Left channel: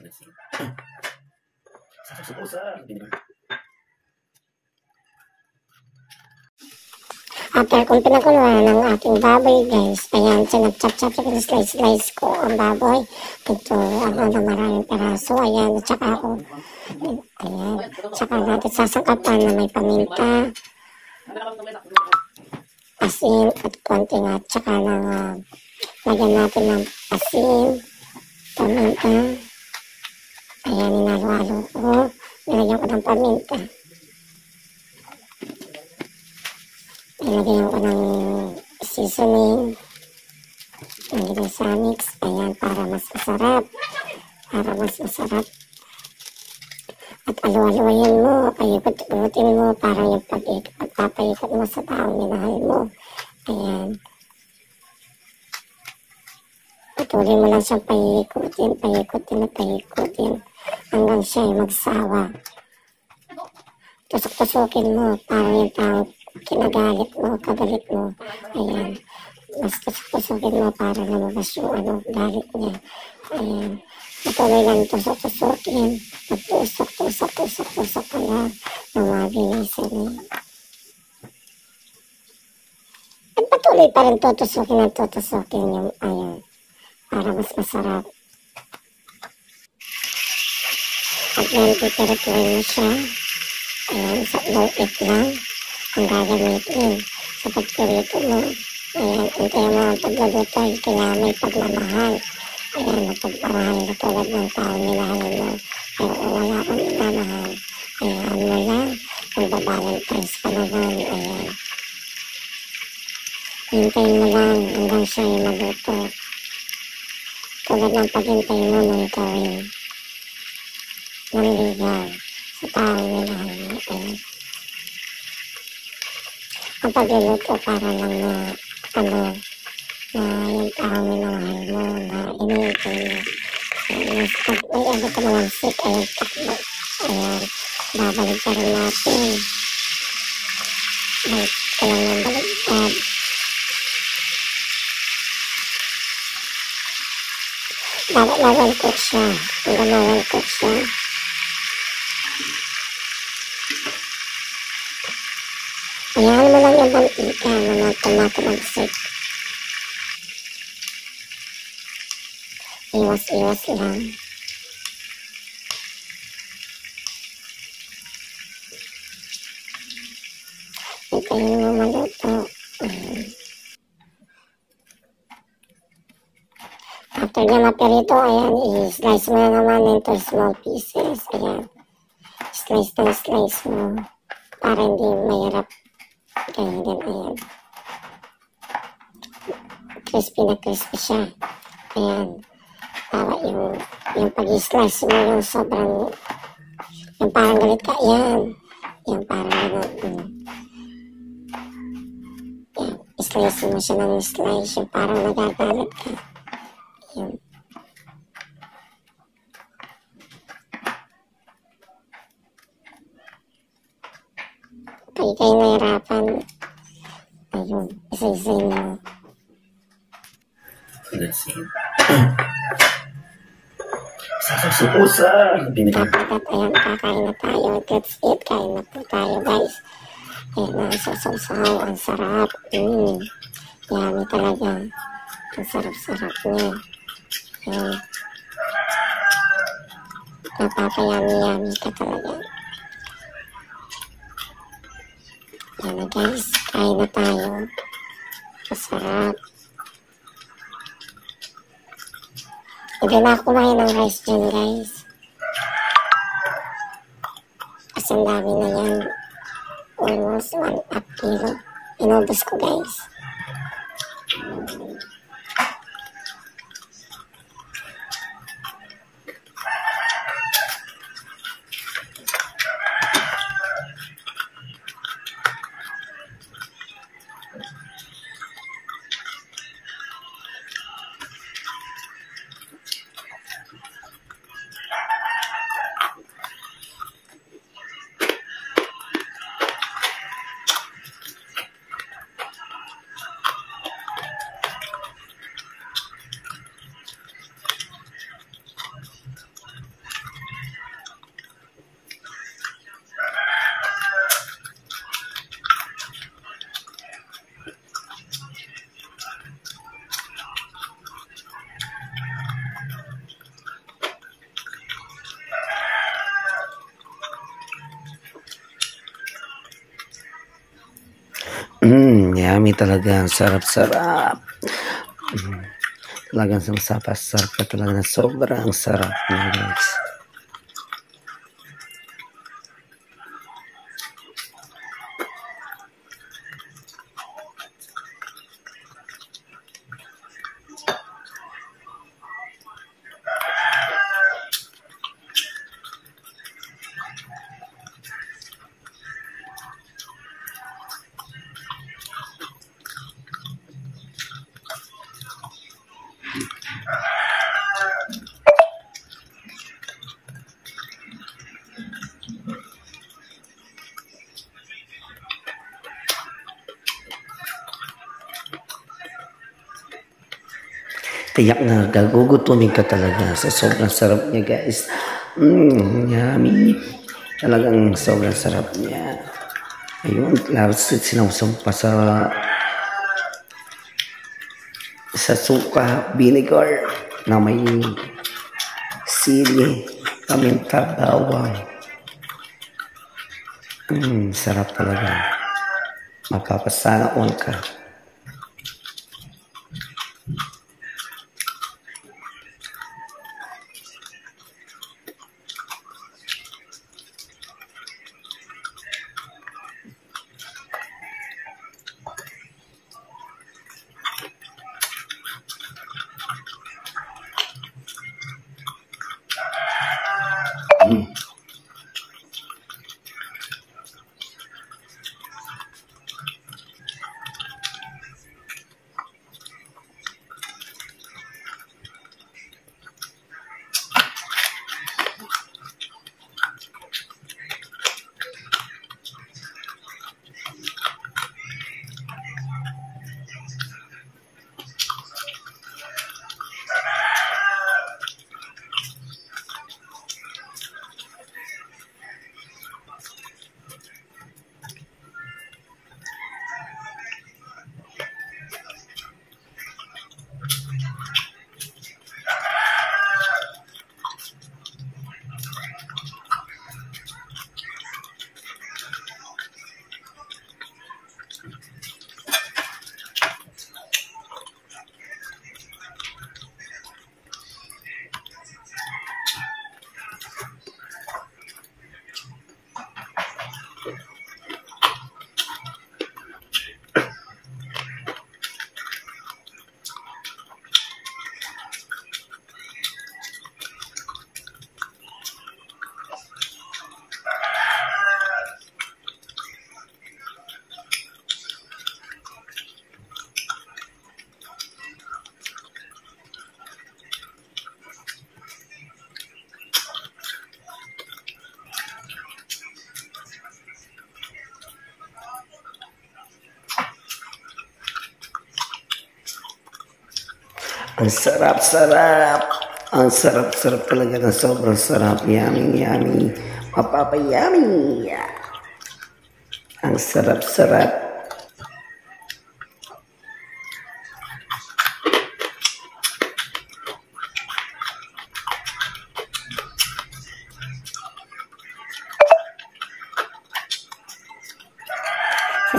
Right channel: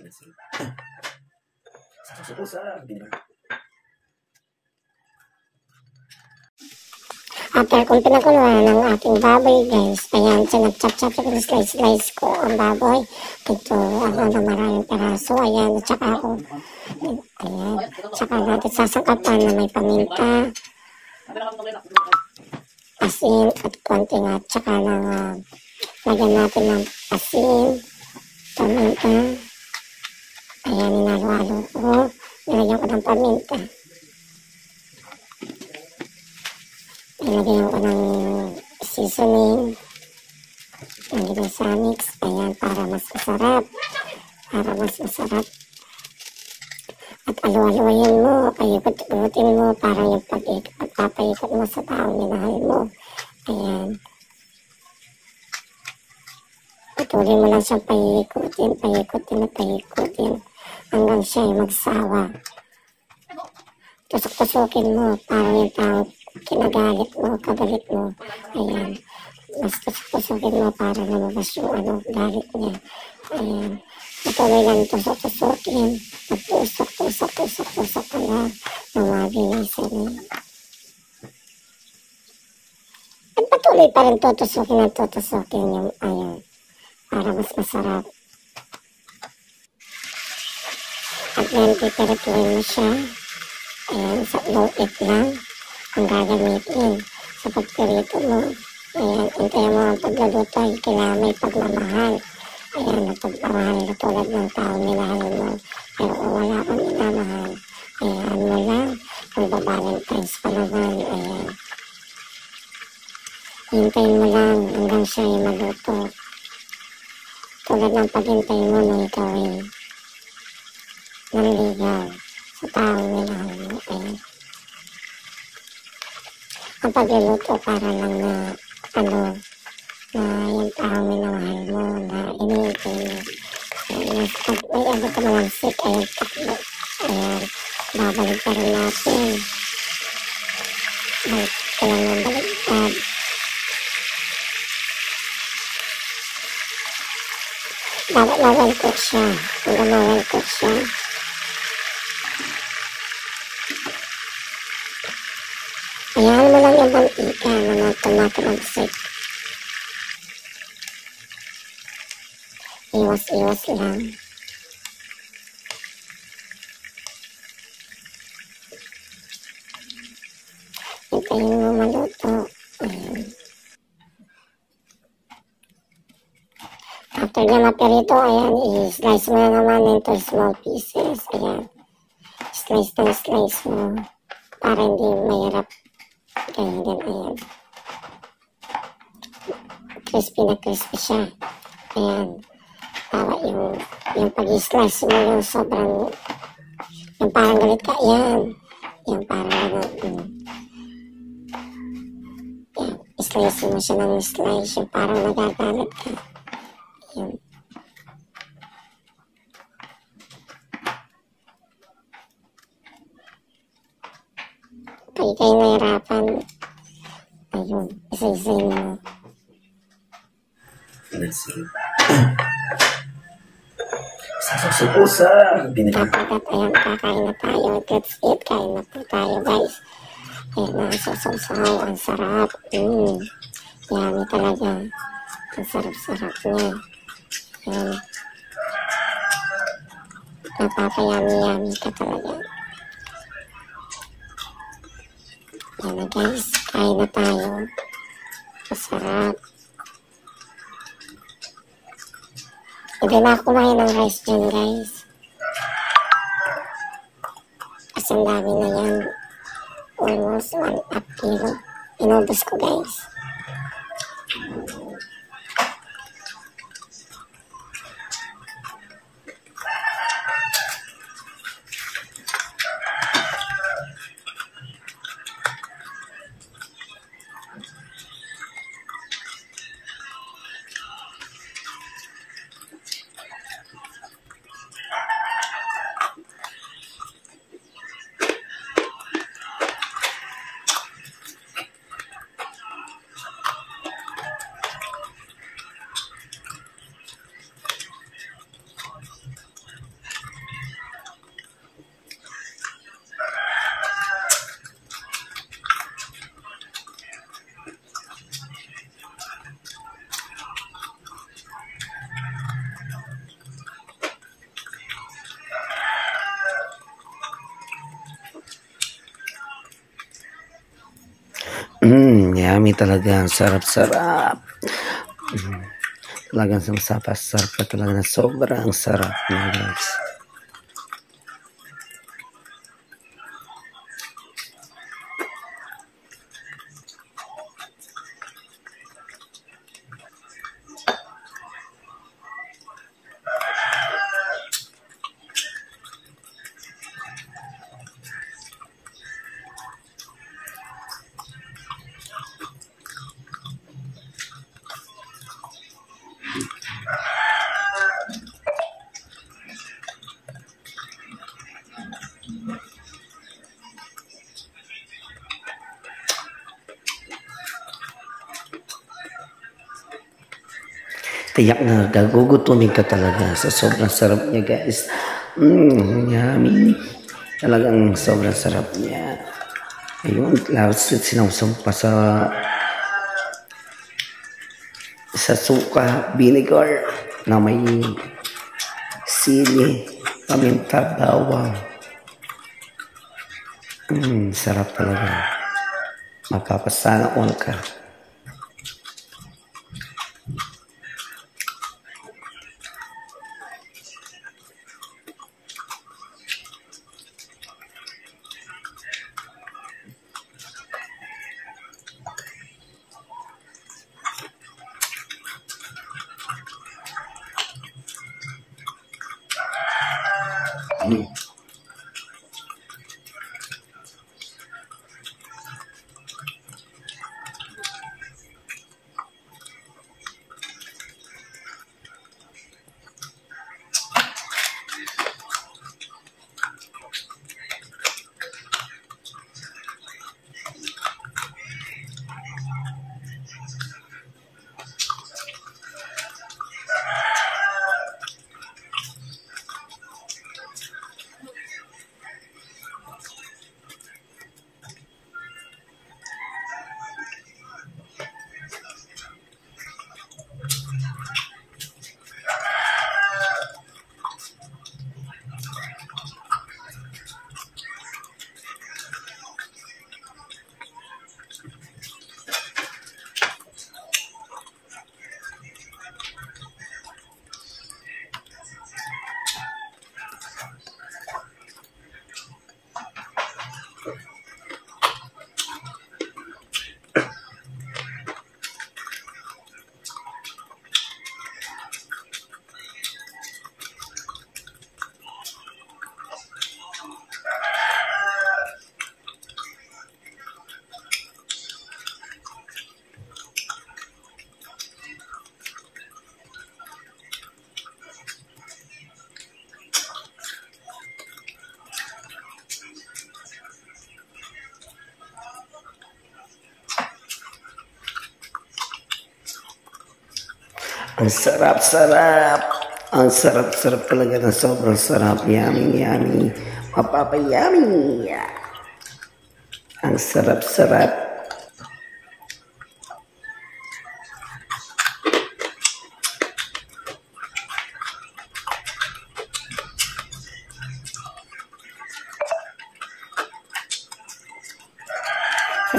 Let's see. Sa vinegar. After kung pinakuluan ng ating baboy guys, ayan, sinap-chop-chop, slice ko ang baboy. Ito, na maraming peraso, ayan, at saka ako, ayan, saka natin sasangkapan na may paminta, asin, at konting at saka lagyan natin ng asin, paminta, ayan, inalo-alo ko, nilagyan ko ng paminta. Nilagyan ko ng seasoning ng ginasamics. Ayan, para mas masarap. At alu-aluin mo, paikot-ikutin mo, para yung pagpapaikot mo sa taong minahal mo. Ayan. Patuloy mo lang siyang paikutin hanggang siya ay magsawa. Tusok-tusukin mo, para yung taong kagalit mo, ayan, mas tusok-tusukin mo para lumabas yung galit niya, ayan, patuloy lang tusok-tusukin, tusok ka lang, ng mabilisan niya, at patuloy pa rin tutusukin yung, ayan, para mas masarap, at then pipirituin mo siya, ayan, sa low heat lang, ang gagamitin sa pagpirito mo. Ayan, hintayin mo ang pagluluto ay kailangan may pagmamahal. Ayan, ang pagmamahal na tulad ng taong minahal mo. Pero kung wala kang minamahal, ayan mo lang, magbabalentines pa naman. Ayan. Hintayin mo lang hanggang siya ay maluto. Tulad ng paghintay mo nung ikaw ay nanligaw sa taong minahal mo. Ayan. Ang pagluluto para lang na yung taong minamahal mo, na iniintay mo. Ayan, pag may ka malansik, ayan, takbo. Ayan, babalik pa rin natin. Balik ka lang ng baligtad. Dapat ma-well cook siya. Hanggang ma-well cook siya. Ayan mo lang yung mantika na tumatalansik. Iwas-iwas lang. Hintayin mo maluto. Ayan. After niya mapirito, ayan, i-slice mo na naman into small pieces. Ayan. Slice mo para hindi mahirap. Kaya din, ayan. Crispy na crispy siya. Ayan. Para yung pag-slice mo yung sobrang, yung parang galit ka, ayan. Yung parang gano'n. Ayan. Slice mo siya ng slice, yung parang nagagalit ka. Ayan. Pag kayo nahirapan, ayun, isa-isay mo. Let's see. Sa vinegar. Dapat, ayan, kakain na tayo. Let's eat. Kain na po tayo, guys. Ayan na, sasaw-saw. Ang sarap. Yummy talaga. Ang sarap-sarap niya. Ayan. Napapayami-yummy ka talaga. Ayan na, guys. Kain na tayo. Masarap. Hindi na ako kumain ng rice dyan, guys. Kasi ang dami na yan. Almost 1.5 kilo. Inubos ko, guys. Yummy talaga. Sarap-sarap. Talagang sarap ka talaga na sobrang sarap na guys. Tiyak na gagugutumin ka talaga sa sobrang sarap niya guys. Yummy. Talagang sobrang sarap niya. Ayun, tapos sinawsaw pa sa suka, vinegar na may sili, paminta, bawang. Sarap talaga. Mapapasana all ka. Ang sarap-sarap. Ang sarap-sarap talaga na sobrang sarap. Yummy, yummy. Mapapayummy. Ang sarap-sarap.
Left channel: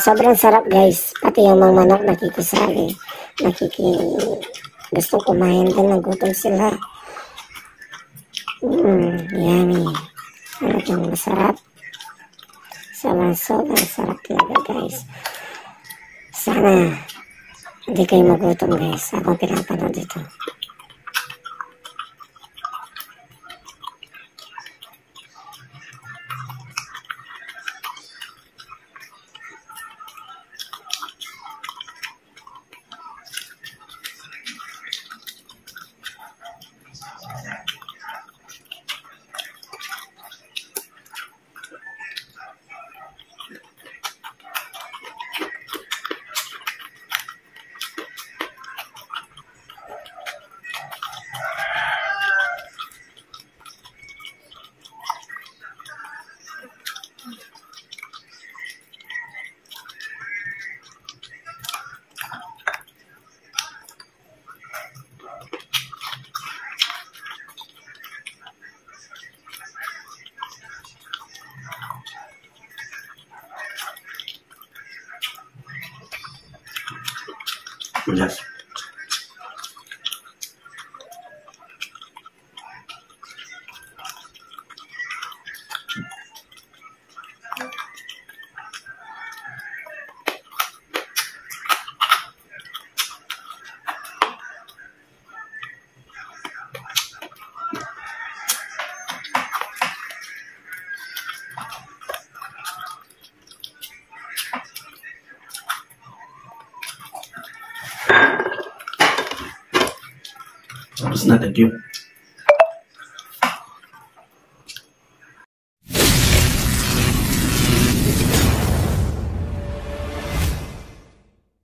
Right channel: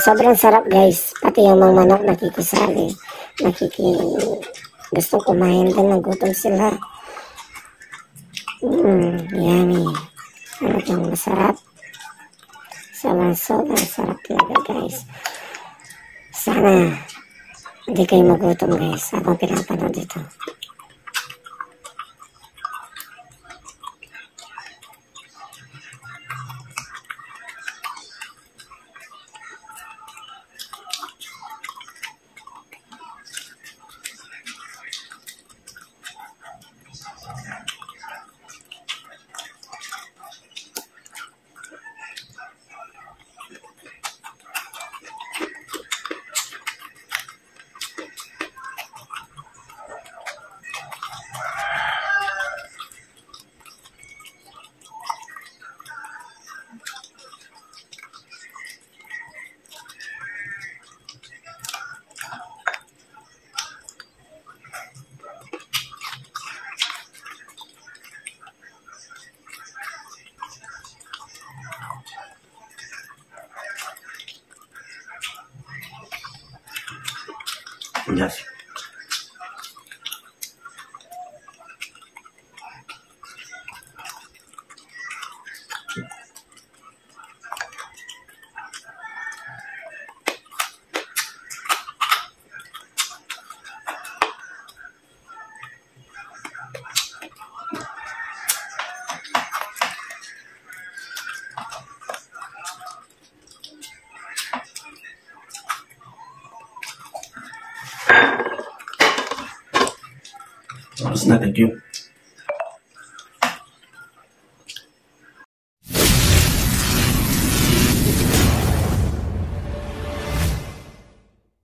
Sobrang sarap guys. Pati yung mga manok nakikisali. Gustong kumain din, nagutom sila. Yummy. Talagang masarap. Sobrang sarap talaga guys. Sana hindi kayo magutom guys habang pinapanood ito. Yes. Tapos na, thank you.